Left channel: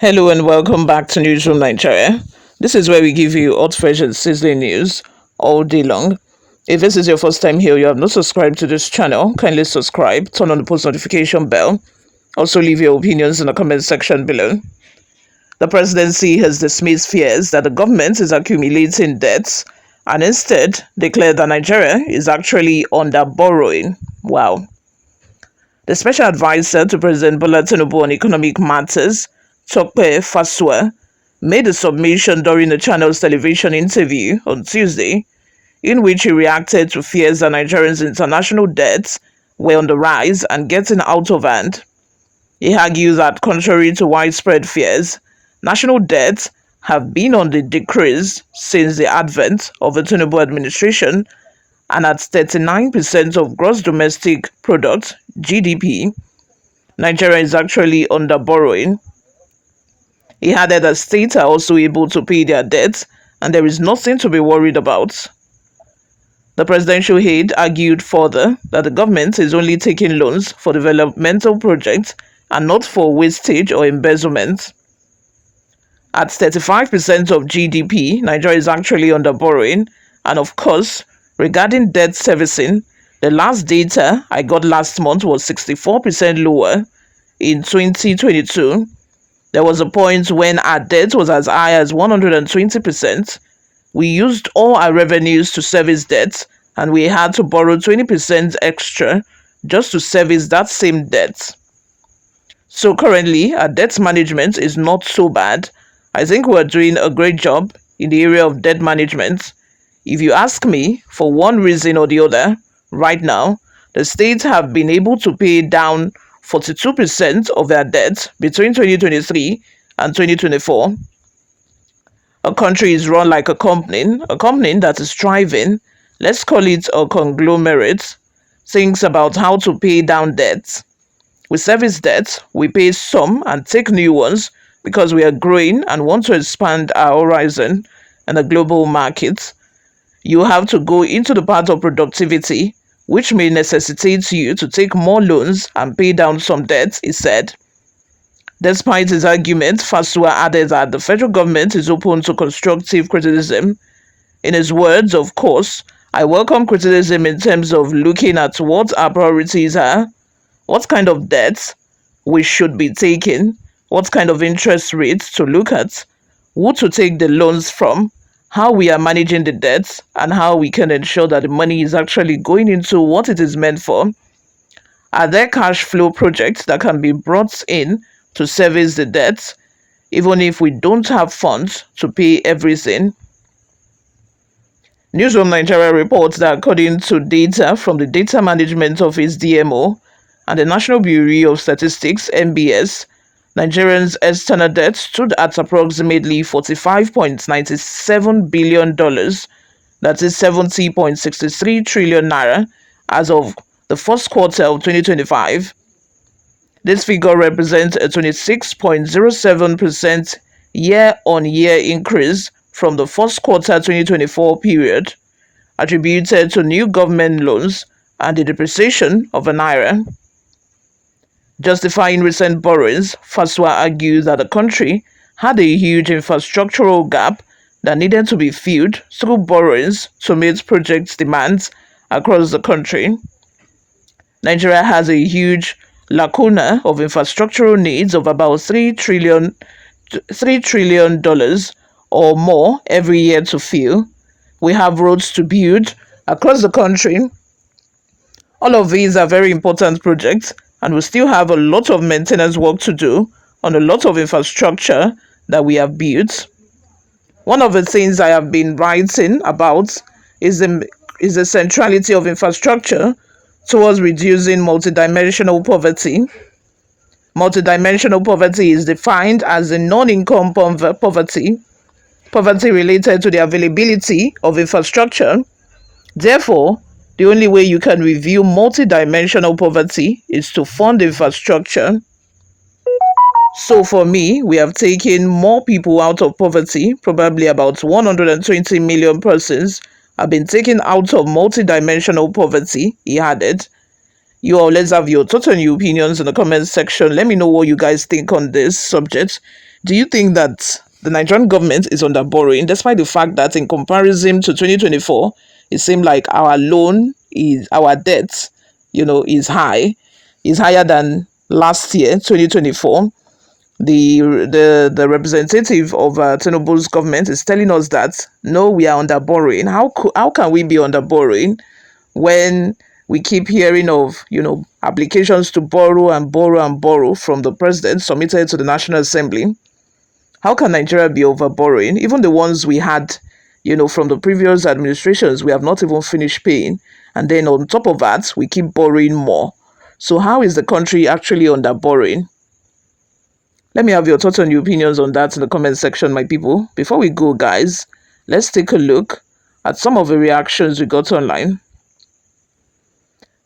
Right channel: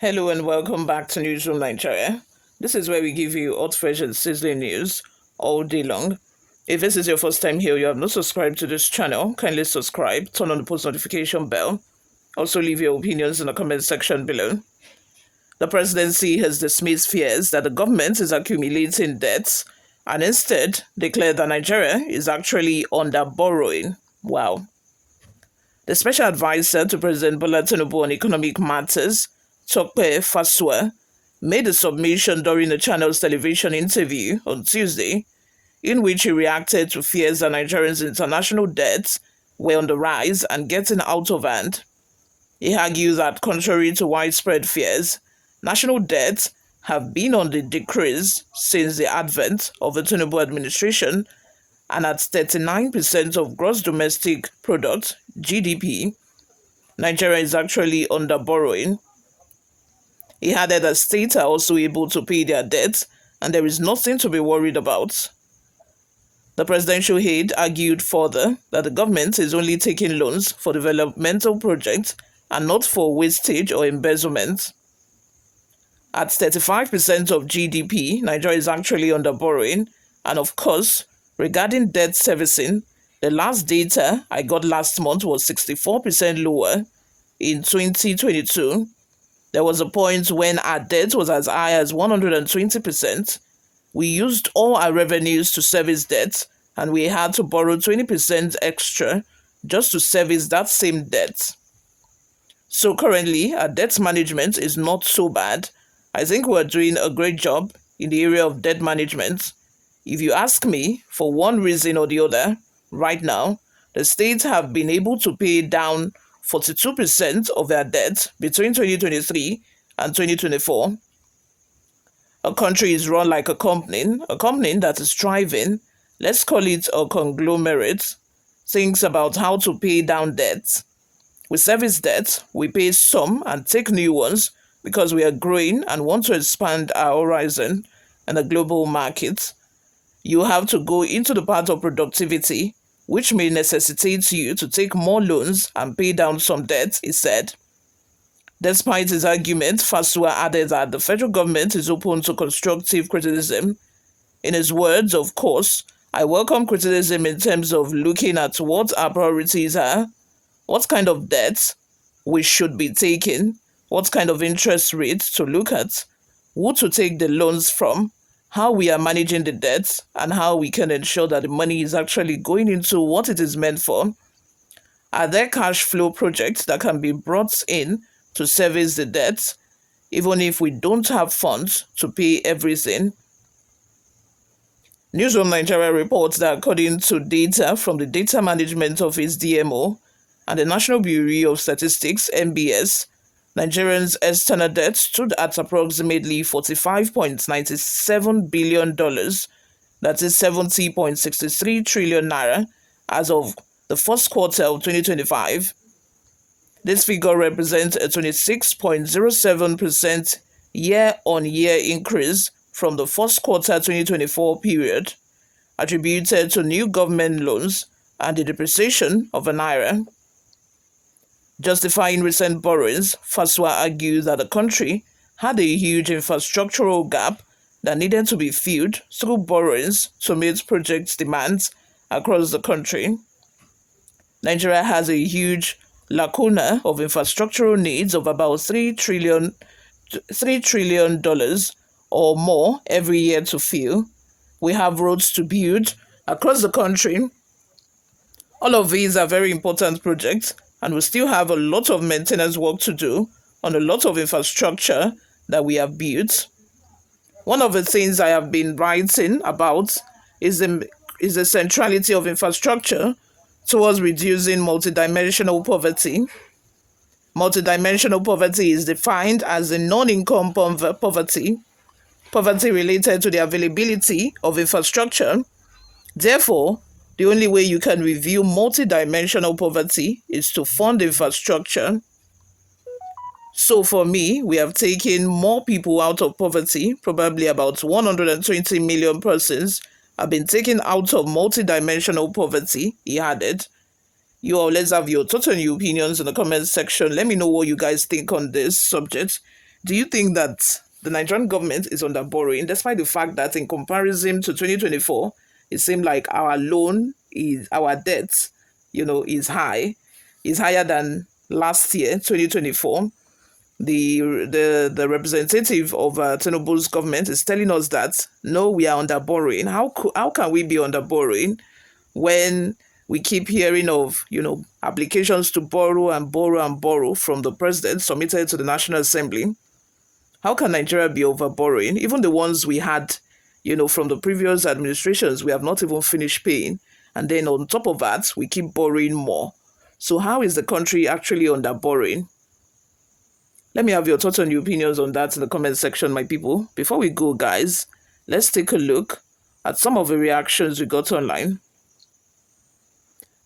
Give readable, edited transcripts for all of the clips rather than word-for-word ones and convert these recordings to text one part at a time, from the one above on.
Hello and welcome back to Newsroom Nigeria. This is where we give you hot, fresh, and sizzling news all day long. If this is your first time here, you have not subscribed to this channel, kindly subscribe, turn on the post notification bell. Also, leave your opinions in the comment section below. The presidency has dismissed fears that the government is accumulating debts and instead declared that Nigeria is actually under borrowing. Wow. The special advisor to President Bola Tinubu on economic matters, Tope Fasua, made a submission during the channel's television interview on Tuesday, in which he reacted to fears that Nigerians' international debts were on the rise and getting out of hand. He argued that, contrary to widespread fears, national debts have been on the decrease since the advent of the Tinubu administration, and at 39% of gross domestic product (GDP), Nigeria is actually under borrowing. He added that states are also able to pay their debts and there is nothing to be worried about. The presidential aide argued further that the government is only taking loans for developmental projects and not for wastage or embezzlement. At 35% of GDP, Nigeria is actually under borrowing, and of course, regarding debt servicing, the last data I got last month was 64% lower. In 2022, there was a point when our debt was as high as 120%. We used all our revenues to service debt, and we had to borrow 20% extra just to service that same debt. So currently, our debt management is not so bad. I think we're doing a great job in the area of debt management. If you ask me, for one reason or the other, right now, the states have been able to pay down 42% of their debt between 2023 and 2024. A country is run like a company that is thriving, let's call it a conglomerate, thinks about how to pay down debts. We service debt, we pay some and take new ones because we are growing and want to expand our horizon in the global market. You have to go into the path of productivity, which may necessitate you to take more loans and pay down some debt, he said. Despite his argument, Fasua added that the federal government is open to constructive criticism. In his words, of course, I welcome criticism in terms of looking at what our priorities are, what kind of debt we should be taking, what kind of interest rates to look at, who to take the loans from, how we are managing the debts, and how we can ensure that the money is actually going into what it is meant for. Are there cash flow projects that can be brought in to service the debts, even if we don't have funds to pay everything? Newsroom Nigeria reports that according to data from the Data Management Office (DMO) and the National Bureau of Statistics (NBS), Nigerians' external debt stood at approximately $45.97 billion, that is 70.63 trillion naira, as of the first quarter of 2025. This figure represents a 26.07% year-on-year increase from the first quarter 2024 period, attributed to new government loans and the depreciation of the naira. Justifying recent borrowings, Fasua argued that the country had a huge infrastructural gap that needed to be filled through borrowings to meet project demands across the country. Nigeria has a huge lacuna of infrastructural needs of about $3 trillion or more every year to fill. We have roads to build across the country. All of these are very important projects, and we still have a lot of maintenance work to do on a lot of infrastructure that we have built. One of the things I have been writing about is the centrality of infrastructure towards reducing multidimensional poverty. Multidimensional poverty is defined as a non-income poverty related to the availability of infrastructure. Therefore, the only way you can review multidimensional poverty is to fund infrastructure. So for me, we have taken more people out of poverty, probably about 120 million persons have been taken out of multidimensional poverty, he added. You all, let's have your thoughts and your opinions in the comment section. Let me know what you guys think on this subject. Do you think that the Nigerian government is under borrowing, despite the fact that in comparison to 2024, it seemed like our debt, is higher than last year, 2024. The representative of Tinubu's government is telling us that no, we are under borrowing. How can we be under borrowing when we keep hearing of applications to borrow and borrow and borrow from the president submitted to the National Assembly? How can Nigeria be over borrowing? Even the ones we had, from the previous administrations, we have not even finished paying. And then on top of that, we keep borrowing more. So how is the country actually under borrowing? Let me have your thoughts and your opinions on that in the comment section, my people. Before we go, guys, let's take a look at some of the reactions we got online.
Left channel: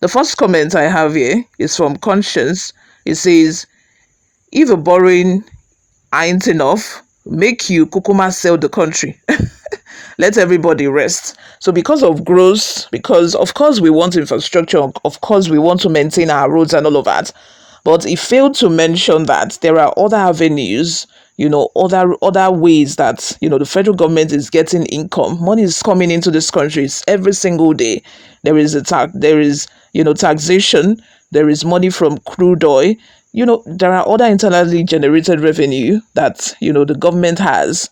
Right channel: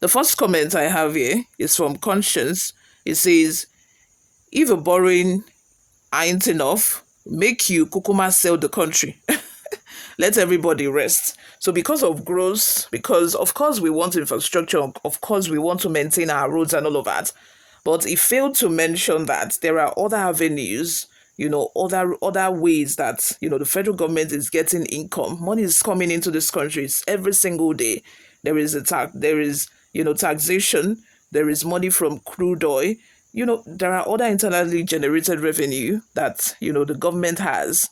The first comment I have here is from Conscience. It says, if the borrowing ain't enough, make you kukuma sell the country. Let everybody rest. So because of growth, because of course we want infrastructure, of course we want to maintain our roads and all of that, but he failed to mention that there are other avenues, other ways that, the federal government is getting income. Money is coming into this country every single day. There is taxation, there is money from crude oil. There are other internally generated revenue that, the government has,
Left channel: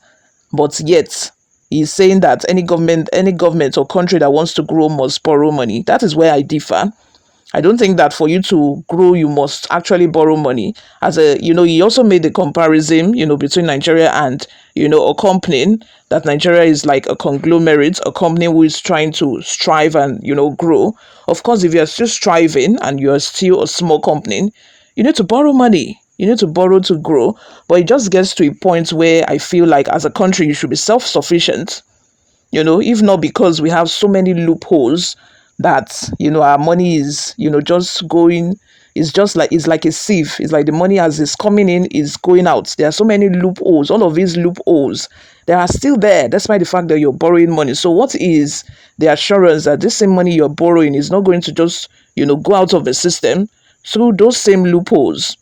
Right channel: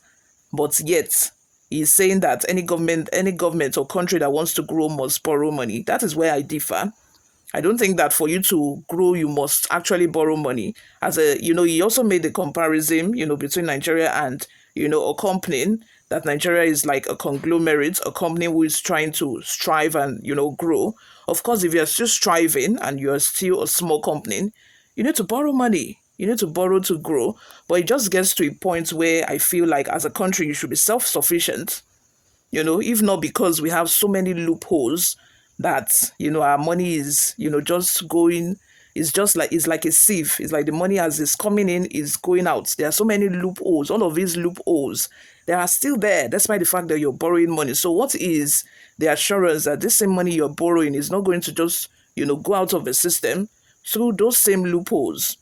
but yet he's saying that any government or country that wants to grow must borrow money. That is where I differ. I don't think that for you to grow, you must actually borrow money. He also made the comparison, between Nigeria and, a company, that Nigeria is like a conglomerate, a company who is trying to strive and, grow. Of course, if you're still striving and you're still a small company, you need to borrow money. You need to borrow to grow. But it just gets to a point where I feel like as a country, you should be self-sufficient. If not because we have so many loopholes that, our money is, just going, it's like a sieve. It's like the money as it's coming in is going out. There are so many loopholes. All of these loopholes, they are still there, despite the fact that you're borrowing money. So what is the assurance that this same money you're borrowing is not going to just, go out of the system through those same loopholes?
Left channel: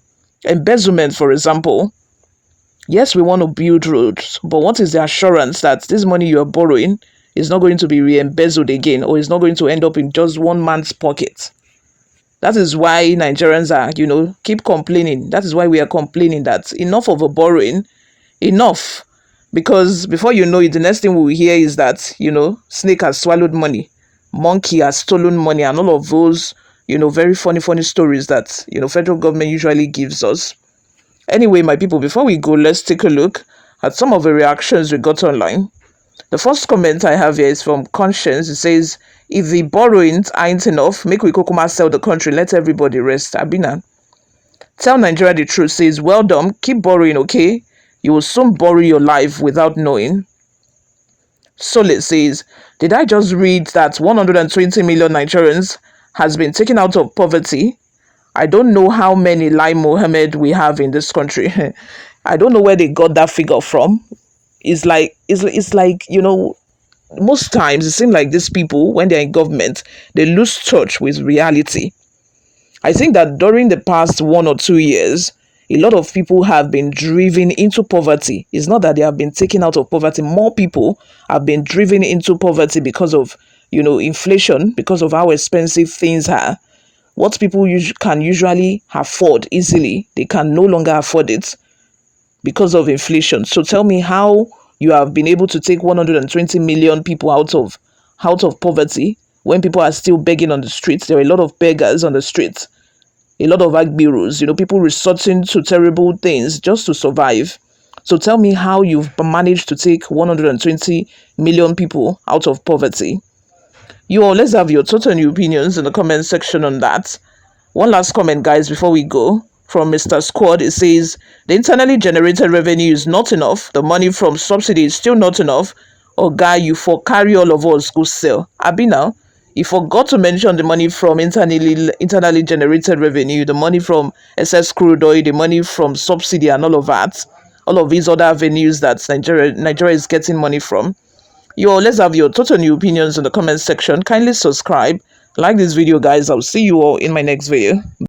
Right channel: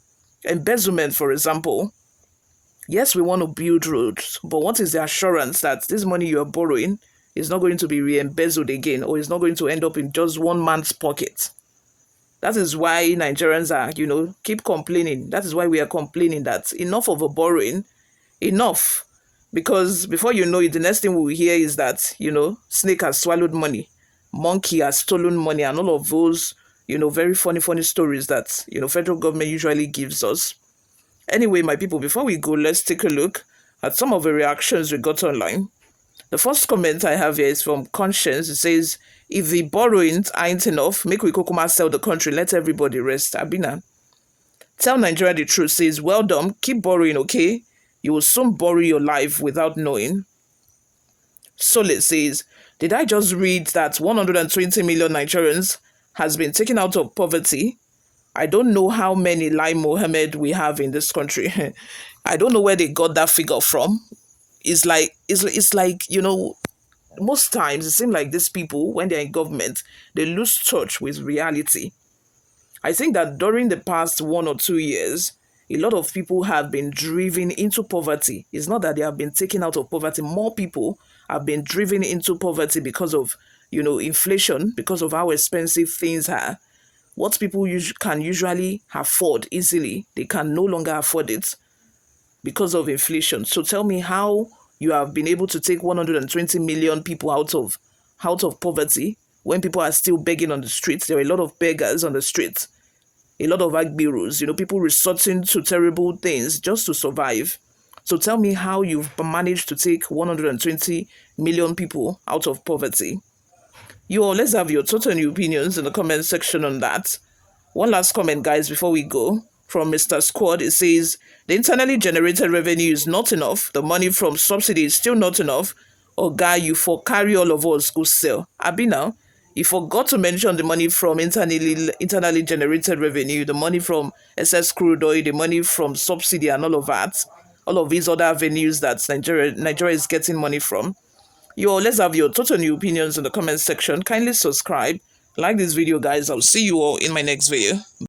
Embezzlement, for example. Yes, we want to build roads, but what is the assurance that this money you're borrowing is not going to be re-embezzled again, or is not going to end up in just one man's pocket? That is why Nigerians are, keep complaining. That is why we are complaining that enough of a borrowing, enough. Because before you know it, the next thing we will hear is that, snake has swallowed money, monkey has stolen money, and all of those, very funny stories that, federal government usually gives us. Anyway, my people, before we go, let's take a look at some of the reactions we got online. The first comment I have here is from Conscience. It says, if the borrowings ain't enough, make we kukuma sell the country, let everybody rest. Abina. Tell Nigeria the truth. Says, well done, keep borrowing, okay? You will soon borrow your life without knowing. Solid says, did I just read that 120 million Nigerians has been taken out of poverty? I don't know how many Lai Mohammed we have in this country. I don't know where they got that figure from. It's like, most times it seems like these people, when they're in government, they lose touch with reality. I think that during the past 1 or 2 years, a lot of people have been driven into poverty. It's not that they have been taken out of poverty. More people have been driven into poverty because of, inflation, because of how expensive things are. What people can usually afford easily, they can no longer afford it because of inflation. So tell me how you have been able to take 120 million people out of poverty when people are still begging on the streets. There are a lot of beggars on the streets, a lot of agbiros, people resorting to terrible things just to survive. So tell me how you've managed to take 120 million people out of poverty. You all, let's have your thoughts and your opinions in the comment section on that. One last comment, guys, before we go. From Mr. Squad, it says, the internally generated revenue is not enough. The money from subsidy is still not enough. Oh, guy, you for carry all of us go sell. Abina, you forgot to mention the money from internally generated revenue, the money from excess crude oil, the money from subsidy and all of that. All of these other avenues that Nigeria is getting money from. You all, let's have your total new opinions in the comment section. Kindly subscribe, like this video, guys. I'll see you all in my next video.